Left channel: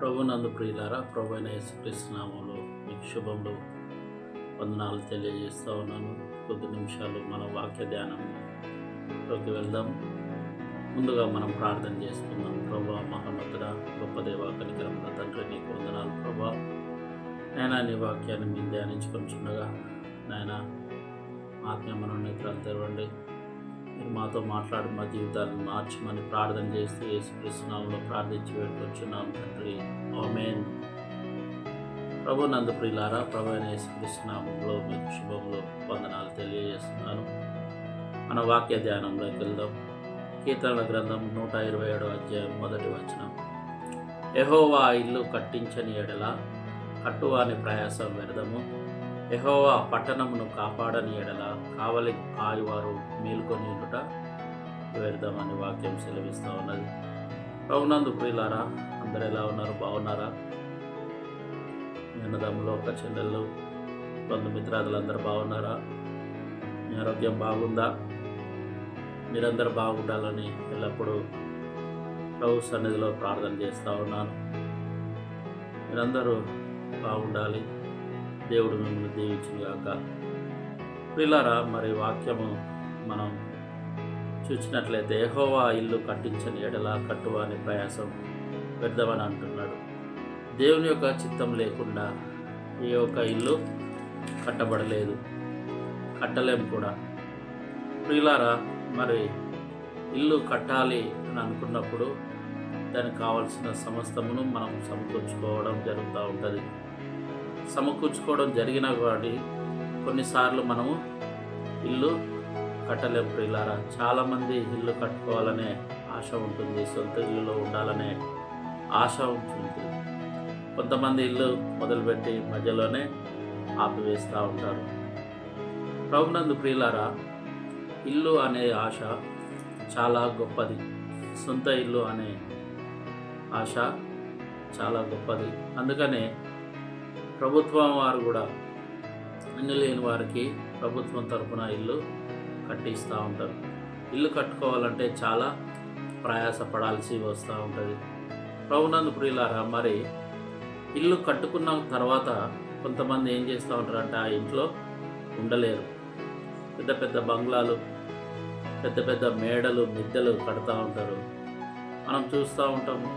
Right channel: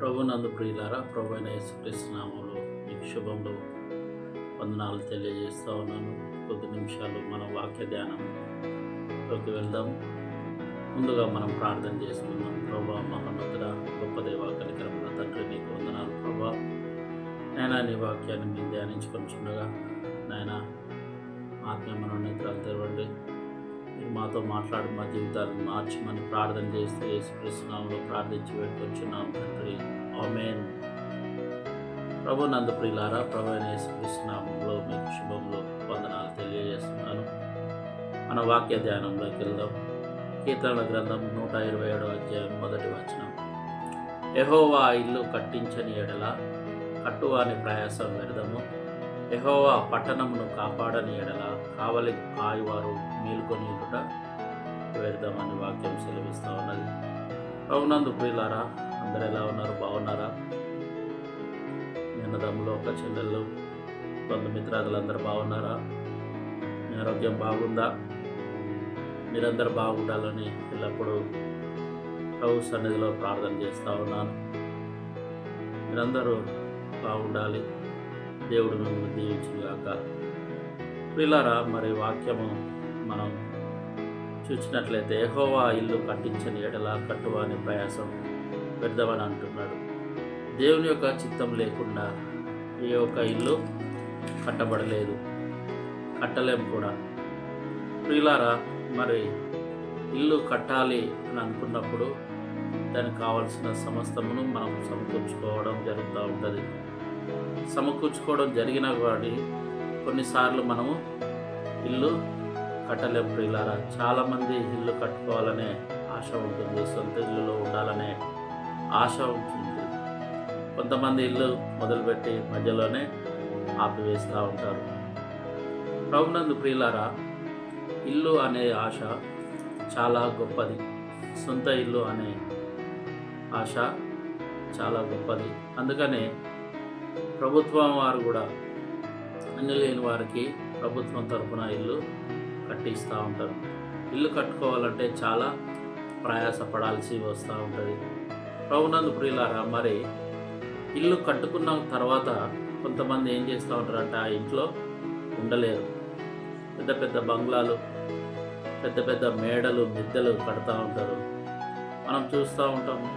ప్రభునందు ప్రియులారా, ప్రభు అయిన యేసుక్రీస్తు నామములో మీకు శుభములు వందనాలు తెలియజేస్తూ ఉన్నాను. కొద్ది నిమిషాలు మన వాక్య ధ్యానంలోకి వెళ్దాం. ముందుగా మనం ప్రార్థన చేసుకుందాం. ప్రభా, మహోన్నతుడ, గొప్ప దేవ, కనికరముల తండ్రి, నీకు వందనాలు ప్రభా. నాయనా, నీ వాక్యాన్ని మేము ధ్యానించుకొనిచుండగా నాయనా, ఆత్మీయ మనోనేత్రాలు తెరవండి. మీరు మాతో మాట్లాడి మా జీవితాలను మార్చమని ప్రార్థన చేస్తూ యేసుక్రీస్తు నామములో ప్రార్థించి వేడుకొచ్చున్నాం తండ్రి, ఆమేన్. ప్రభు నందు ప్రియులారా, ప్రభు అయిన యేసుక్రీస్తు నామములో మీకు శుభములు వందనాలు తెలియజేస్తున్నాను. మన వాక్య ధ్యానంలోకి వెళ్దాం. కీర్తనల గ్రంథం 127వ అధ్యాయం 1వ వచనం. యెహోవా ఇల్లు కట్టించని ఎడల కట్టువాని ప్రయాసం వ్యర్థము, యెహోవా పట్టణమును కాపాడని ఎడల కావలి కాయువారు మేలుకొని ఉండుట వ్యర్థమని వాక్యం సెలవిస్తూ ఉన్నది. ప్రభునందు ప్రియులారా, అందరు ఎలా ఉన్నారు? బాగున్నారా? మీ అన్నదమ్ములు, ఒక చెల్లెళ్ళు, బంధుమిత్రాదులందరూ బాగున్నారా? మీ ఆరోగ్యం బాగుందా? మీరందరూ బాగుండాలని ఎల్లప్పుడూ ప్రభు సన్నిధిలో ప్రార్థన చేస్తూ ఉన్నాను. మీరందరూ బాగుండాలి. దేవుడు మిమ్మల్ని దీవించుగాక. ప్రియులారా, మరి వాక్యము మనం చూసినట్లయితే యెహోవా ఇల్లు కట్టించని ఎడల కట్టువాని ప్రయాసం వ్యర్థమని అంటున్నాడు. దేవుని యొక్క చిత్తం లేకుండా ఏ ఒక్క ఇల్లు కట్టబడలేదు, కట్టలేం కూడా. ప్రియులారా, మరి ఇల్లు కట్టాలి అని అనుకున్నప్పుడు దానికి కావాల్సిన సమస్తమును మనం సమకూర్చుకోవడం జరుగుతూ ఉంటుంది. సమకూర్చుకోవడం జరిగినా కానీ కొన్నిసార్లు మనము ఇల్లు కట్టలేం. ప్రియులారా, చాలామంది ఇల్లు కట్టుకోవాలనే ఆశ ఉంటుంది, సొంత ఇల్లులో ఉండాలనే ఆశ ఉంటుంది. కొంతమంది ఇల్లు మొదలుపెట్టి మధ్యలోనే ఆపివేస్తూ ఉంటారు. ప్రభునందు ప్రియులారా, ఇల్లు అనే ఆశ చాలా గొప్పది. సొంత ఇల్లు అనే ఆశ చాలా గొప్పది. అందుకనే ప్రభుత్వం వారు కూడా అన్ని లేని వారికి ప్రభుత్వం తరఫున ఇల్లు కట్టిస్తూ ఉంటారు. ఇల్లు కట్టుకోవాలంటే చాలా ప్రయాసపడాల్సి వస్తూ ఉంటుంది. ప్రభునందు ప్రియులారా, మరి ఇల్లు కట్టుకున్న తర్వాత కొంతమంది ఏం చేస్తూ ఉంటారంటే ఆ ఇంట్లో ఉండలేరు. పెద్ద పెద్ద బంగ్లాలు, పెద్ద పెద్ద మేడలు, మిద్దెలు కడతా ఉంటారు. మనం చూస్తూ ఉంటాము.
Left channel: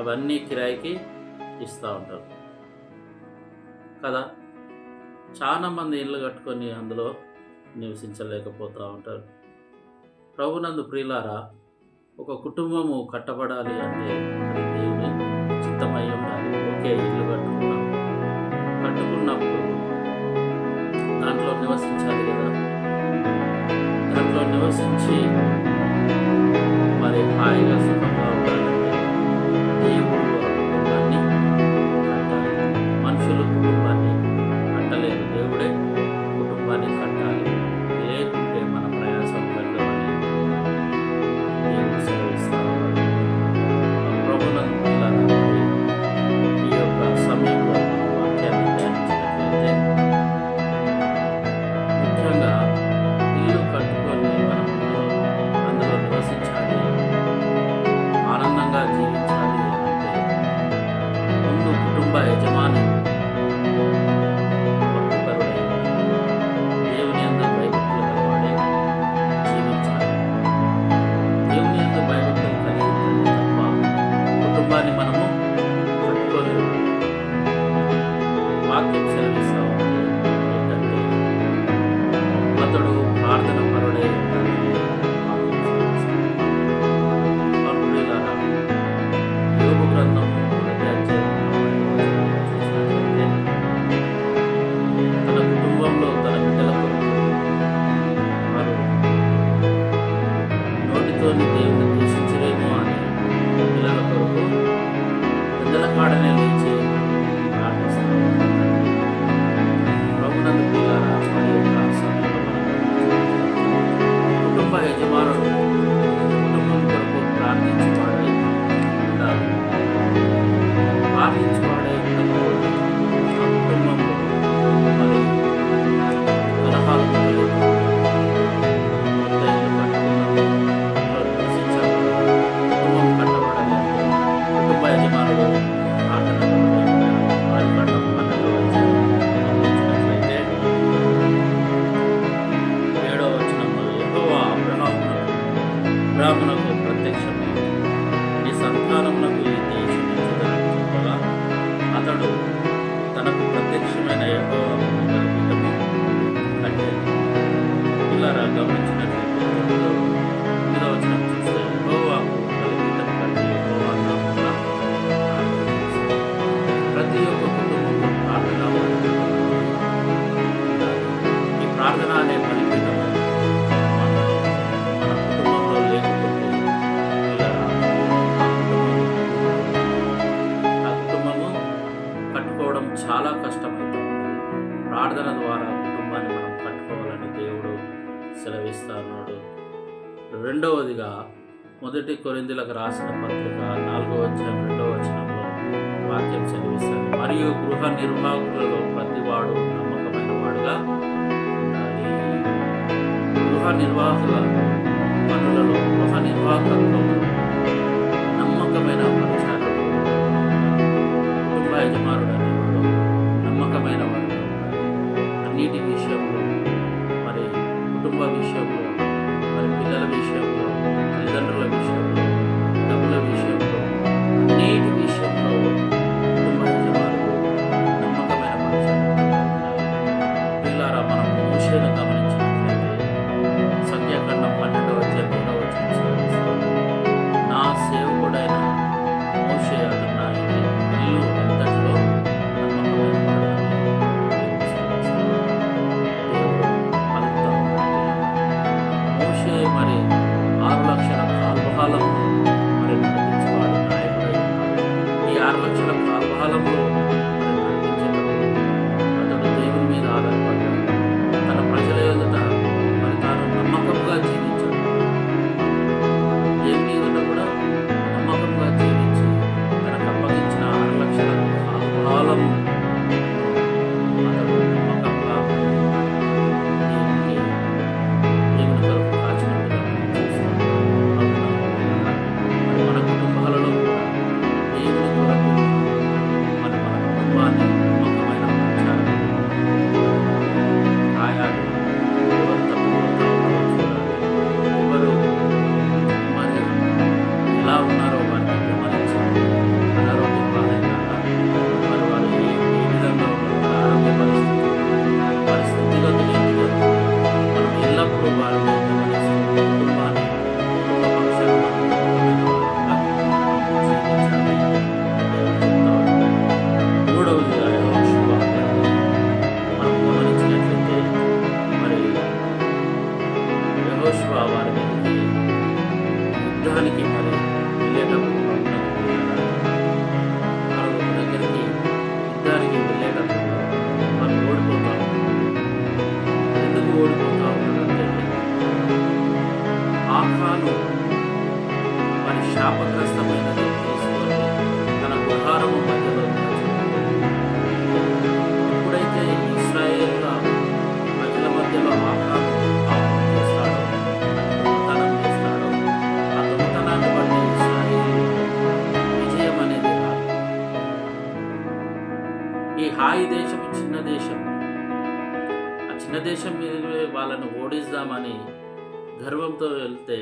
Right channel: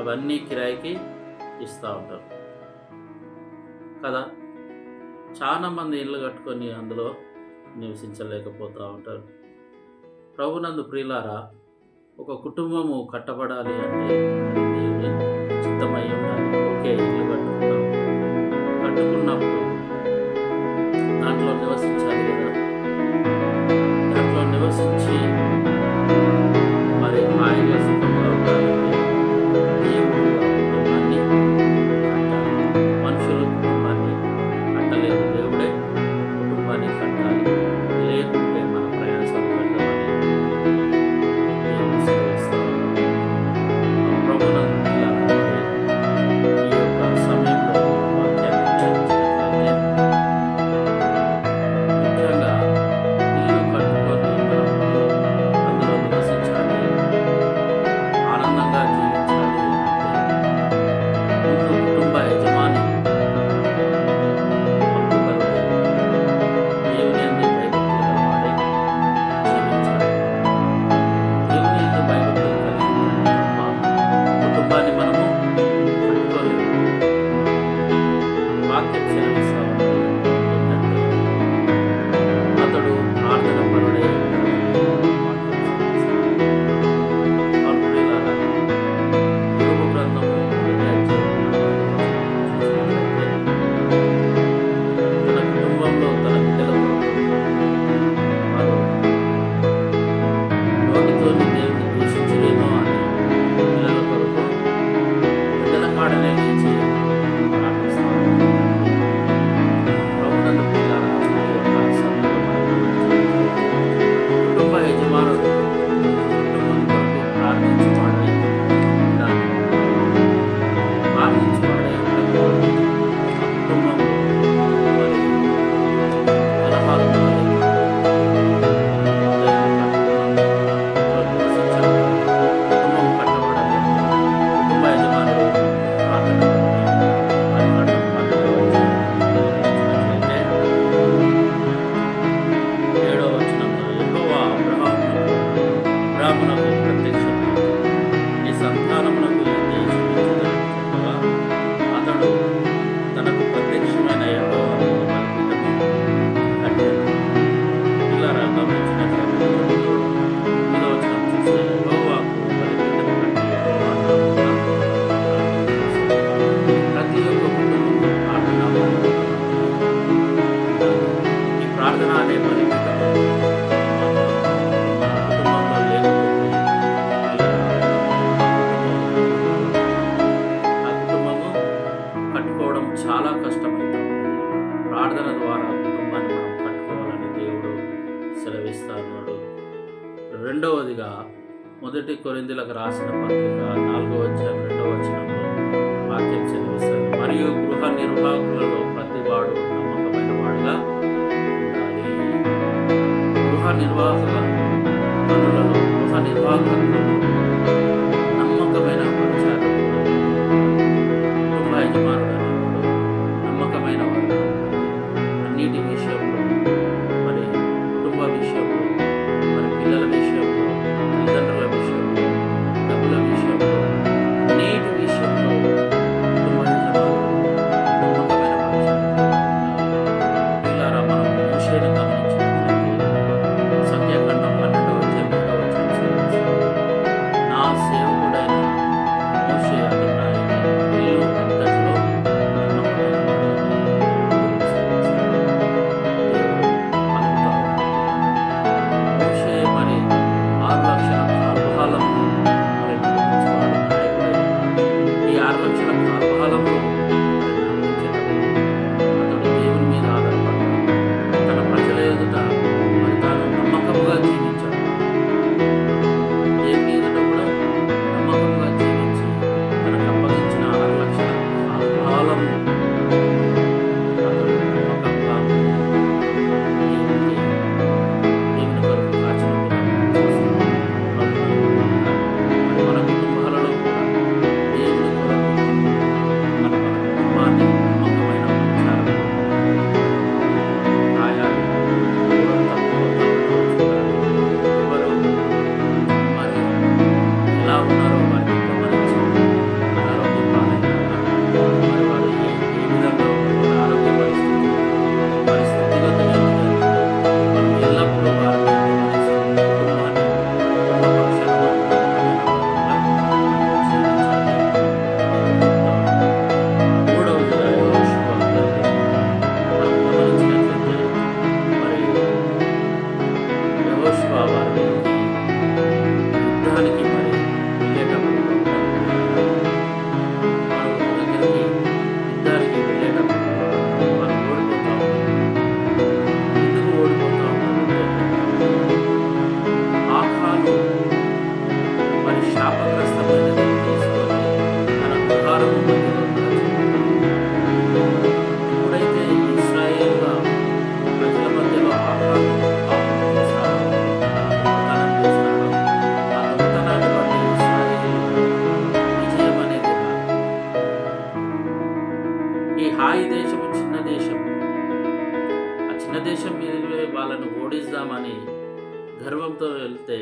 అవన్నీ కిరాయికి ఇస్తూ ఉంటారు కదా. చాలామంది ఇల్లు కట్టుకొని అందులో నివసించలేకపోతూ ఉంటారు. ప్రభునందు ప్రియులారా, ఒక కుటుంబము కట్టబడాలి అంటే అది దేవుని చిత్తమై ఉండాలి. ఓకే, ఇల్లు కట్టుకున్నప్పుడు దాంట్లో నివసించాలి కదా. దాంట్లో నివసించి మరి హాయిగా సుఖంగా ఉండాలంటే దేవుడు ఆ కుటుంబాన్ని కట్టాలి. మనుషులు కుటుంబాన్ని కట్టలేరు, దేవుడే కుటుంబాన్ని కట్టాలి. లేకుంటే మన ప్రయాసం వ్యర్థమని దేవుడు సెలవిస్తా ఉన్నాడు. ప్రభునందు ప్రియులారా, ఈ యొక్క సమయంలో మనం వాక్యాన్ని ధ్యానించినట్లయితే ముఖ్యంగా ఇల్లు కట్టుకొని మనం అందులో నివసించాలి, ఆనందంగా జీవించాలి అంటే ముందు కుటుంబ యజమాని భక్తిపరుడై దేవుని యందు భయభక్తులు గలవాడై జీవించాలి. దేవుని యందు భయభక్తులు కలిగి ఉంటే తప్ప కుటుంబాన్ని మనము కట్టుకోలేము. వాక్యం సెలవిస్తా ఉన్నది ఏంటంటే అతడు ప్రార్థన పరుడే ఉండాలని వాక్యం సెలవిస్తుంది. ప్రియులారా, యోబు గ్రంథం 1వ అధ్యాయం 45వ వచనం చూసినట్లయితే తన కుటుంబంలో తన బిడ్డల కొరకు వారు నోటితోని దేవుని దూషించలేమో అని పిల్లల కొరకు పెద్దల కాడనే లేచి ప్రార్థిస్తూ ఉంటారు. ప్రభునందు ప్రియులారా, మరి యొక్క సమయంలో మనం కుటుంబ యజమానుడు కుటుంబం కొరకు ప్రార్థించువాడై ఉండాలి. ప్రార్థించువాడై ఉండకపోతే ఆ కుటుంబంలో మరి కలహాలు మొదలైతే ఇల్లు కట్టుకున్నాము, నివసించాలి. కుటుంబం కట్టబడాలి అంటే కుటుంబ యజమానుడు సంతానమునకు ఈ దేశం ఇచ్చేదని చెప్పగా అతడు తనకు ప్రత్యక్షమైన యెహోవా ముందు బలిపీఠము కట్టెను. పిల్లరా గమనించినట్లయితే 9వ వచనం చూస్తే యెహోవాకు బలిపీఠం కట్టి యెహోవా నామమున ప్రార్థన చేశారు. ప్రతి ఒక్క కుటుంబంలో ప్రార్థనా బలిపీఠం అనేది ఉండాలి. ఈ ప్రార్థన అనే బలిపీఠము మన కుటుంబంలో లేకపోతే పిల్లరా ఆ కుటుంబము కట్టుకోవడం చాలా కష్టమవుతూ ఉంటుంది. ప్రార్థన ద్వారా కుటుంబాన్ని మనం కట్టుకోవాలని దేవుడు సెలవిస్తా ఉన్నాడు. రెండవదిగా 1 కొరింథీయులకు రాసిన పత్రిక 4వ అధ్యాయం 2వ వచనంలో వాక్యం సెలవిస్తుంది, మరియు గృహ నిర్వాహకులలో ప్రతివాడు నమ్మకమైన వాడుగా ఉండాలి. గృహ నిర్వాహక పనులలో, గృహ నిర్వాహకత్వంలో నమ్మకమైన పరిచారకుడు, కుటుంబ యజమానుడు అనేవాడు నమ్మకమైన వాడుగా ఉండాలి. అన్నిటి విషయంలో, మరి కుటుంబ విషయంలో, మరి పిల్లల విషయంలో, తల్లిదండ్రుల విషయంలో, డబ్బుల విషయంలో, అన్నిటి విషయంలో కుటుంబ యజమానుడు నమ్మకమైన పరిచారకుడు ఉండాలి. పిల్లారా మనం మోషేను గమనించినట్లయితే సంఖ్యాకాండం 12వ అధ్యాయం 2వ వచనం సెలవిస్తుంది, నా సేవకుడైన మోషే అతడు నా ఇల్లు అంతటిలో నమ్మకమైన వాడు అని దేవుడు సెలవిస్తాడు. దేవుడు పలుకుతా ఉన్నాడు. మోషే మరి 6 లక్షల కాల్బహాలను మరి నడిపించేవాడు, నాయకుడై ఉన్నాడు. ఈ 6 లక్షల కాల్బహాలంలో మరి నడిపించేటప్పుడు అతడు దేవుని మీద ఆధారపడ్డాడు. తన ప్రజల ఎదుట మరి తాను నమ్మకంగా జీవించాడు. దేవుని ఎదుట కూడా నమ్మకంగా జీవించి తనకు అప్పగించిన 6 లక్షల కాలం అతడు నమ్మకంగా దేవుని కొరకు కాచినట్టుగా చూస్తున్నాం. మరి మన కుటుంబాలలో కూడా దేవుని కొరకు మరి మన కుటుంబాన్ని నమ్మకమైన పరిచారకులు రాయాలి. ఎవరు తప్పిపోతా ఉన్నారో చూడాలి, ఎవరు మరి ఎలా ఉన్నారో వారిని గమనించాలి. అనారోగ్యం పాలైనారా, మరి వారు ఏ విధంగా ఉన్నారు, వారి ఆరోగ్య వారి స్థితిగతులు ఏంటి, మనం ఎల్లప్పుడూ వారిని గమనిస్తూ కుటుంబాన్ని కుటుంబ పక్షాన మనం నమ్మకమైన వారంగా మనం జీవించాలి. చెప్తా ఉంటాం. 3వదిగా యెహోషువ మనం గమనించినట్లయితే మరి యెహోషువ వారి మీదకి యుద్ధానికి మరి వెళ్ళేటప్పుడు వారు ఒక దగ్గరికి యుద్ధానికి వెళ్ళేటప్పుడు వారు ఓడిపోతా ఉన్నారు. ఎందుకు ఓడిపోతా ఉన్నారంటే ఆకాను మరి శాపగ్రస్తమైనది తీసుకొని తన గుడారము మధ్యలో దాచిపెట్టుకొని, ఎప్పుడైతే ఇశ్రాయేలుల ప్రజల మధ్యలో ఆకాను పాపం చేస్తాడో, తన దొంగతనం చేస్తాడో, ఆ దొంగతనాన్ని బట్టి ఇశ్రాయేలు విజయం అనేది రాదు. ఈ హాయి దేశము చిన్న దేశం, ఆ చిన్న దేశం మీద వాళ్ళని ఓడిద్దామని గర్వంతో వెళ్తే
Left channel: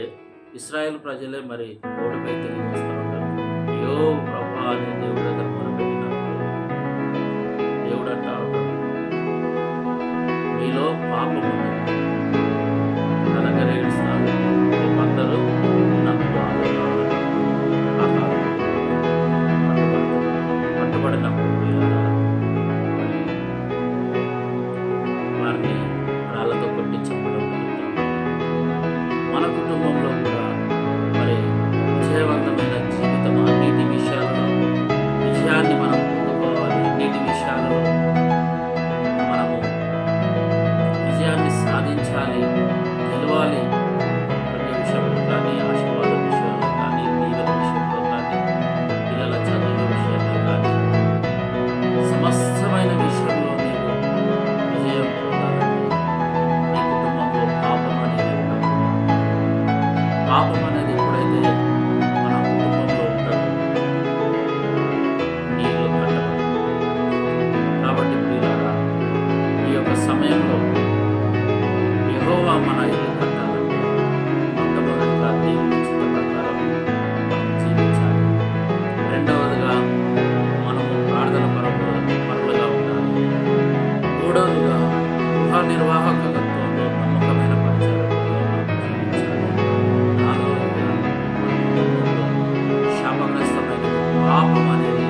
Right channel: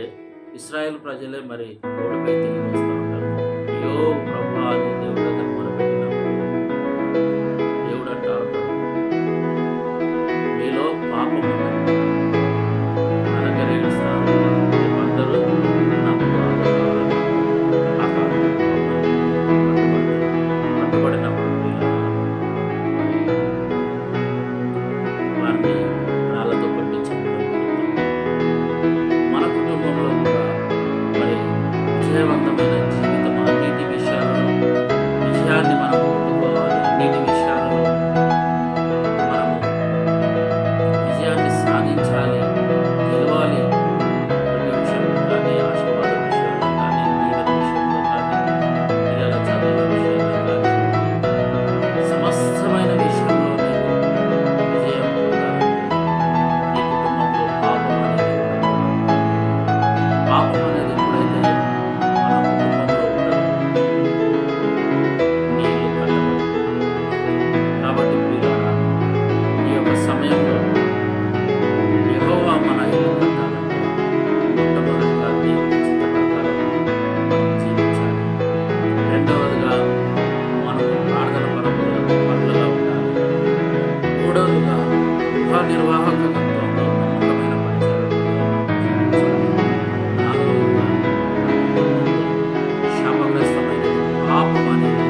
ఇశ్రాయేల్ ప్రజలే మరి ఓడిపై తిరిగి వస్తూ ఉంటారు. అయ్యో ప్రభువా అని దేవుడి దగ్గర మొరపెట్టినప్పుడు దేవుడు అంటా ఉంటాడు, మీలో పాపం ఉన్నది, నా దగ్గర ఏడుస్తారు, రేపు అందరూ నా ముందు పట్టుబడినప్పుడు పిల్లరా మరి వారిని రాళ్లతో కొట్టి చంపడం జరుగుతుంది. మన కుటుంబంలో కూడా మరి విజయవంతమైన జీవితం అన్నిటి విషయాలలో విజయాన్ని మనం పొందుకోవాలి. అన్నిటి విషయాలలో మనము విజయాన్ని సాధించాలి, గెలవాలి. ప్రతి విషయంలో కానీ, ఆశీర్వాద విషయంలో కానీ, దీవెన విషయంలో కానీ, పిల్లల చదువుల విషయంలో కానీ, సమస్తమైన విషయంలో నీవు విజయం పొందాలంటే నీ కుటుంబంలో పాపం అనేది ఉండకూడదు. పాపం అనేది ఎప్పుడైతే మన కుటుంబంలో ఉండదు, నీ ఇల్లు కట్టబడదు. కాబట్టి ప్రియులారా, ఈ యొక్క సమయంలో యెహోవా మన ఇల్లు కట్టాలంటే మొట్టమొదటిగా దేవుని చిత్త ప్రకారం మనం జీవించాలి. రెండవదిగా మనము ప్రార్థన పరులుగా ఉండాలి. మూడవదిగా గృహ నిర్వాహకత్వంలో నమ్మకమైన పరిచారకులుగా మనం జీవించాలి. నాలుగవదిగా మన కుటుంబంలో శాపగ్రస్తమైనది పాపం అనేది